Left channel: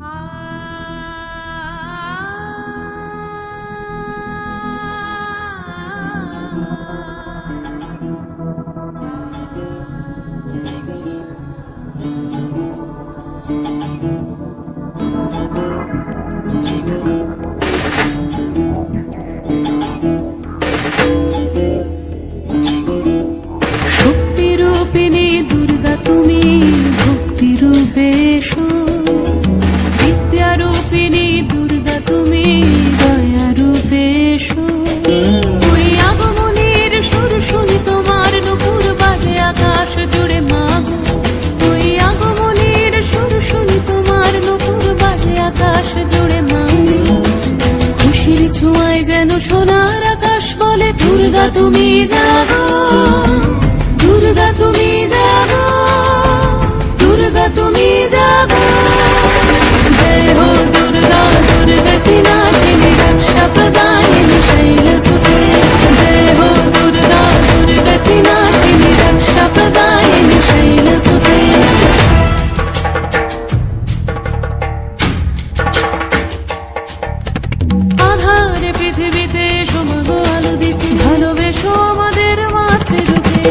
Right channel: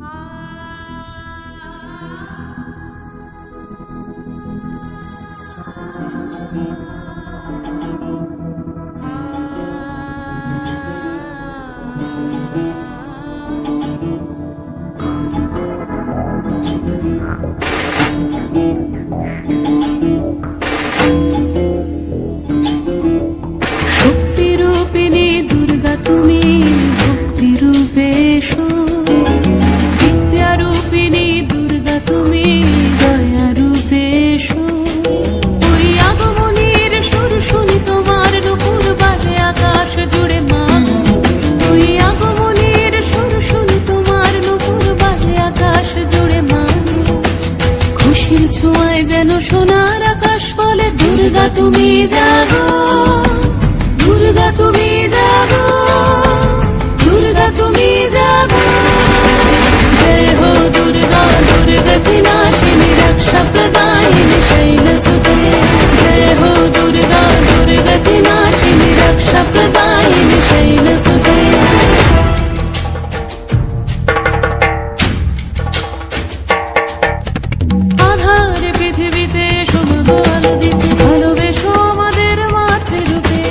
শক্তি রূপিণী দুর্গা তুমি ভক্তি রূপে এসো, বিদ্যা রূপিণী দুর্গা তুমি দয়া রূপে এসো। ওই আগমনের সুর শুনি তোমার নুপুর বাজে আকাশ জুড়ে মাগো, ওই আগমনের সুর শুনি তোমার নুপুর বাজে আকাশ জুড়ে মাগো। খুশির ছোঁয়ায় যেন সোনার আকাশ বলে দুর্গা তুমি জানো, দুর্গা তুমি জানো, দুর্গা তুমি জানো। জয় হো দুর্গা, দুর্গা বিনাশিনী রক্ষা প্রদায়িনী শৈলসুতে। জয় হো দুর্গা, দুর্গা বিনাশিনী রক্ষা প্রদায়িনী শৈলসুতে। আধারে পৃথিবীতে এসো মাগো আলো দিতে, ভালোবেসো আমাদের মাতৃরূপে,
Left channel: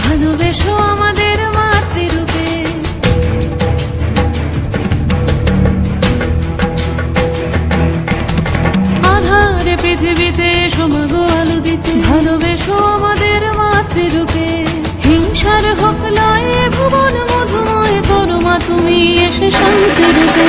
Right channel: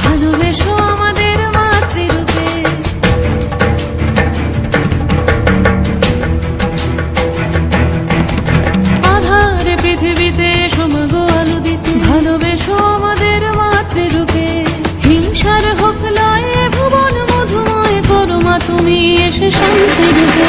ভালোবেসো আমাদের মাতৃরূপে। আধারে পৃথিবীতে এসো মাগো আলো দিতে, ভালোবেসো আমাদের মাতৃরূপে। হিংসার হোক লয়ে ভুবন মধুময় করো মা তুমি এসে শান্তি রূপে।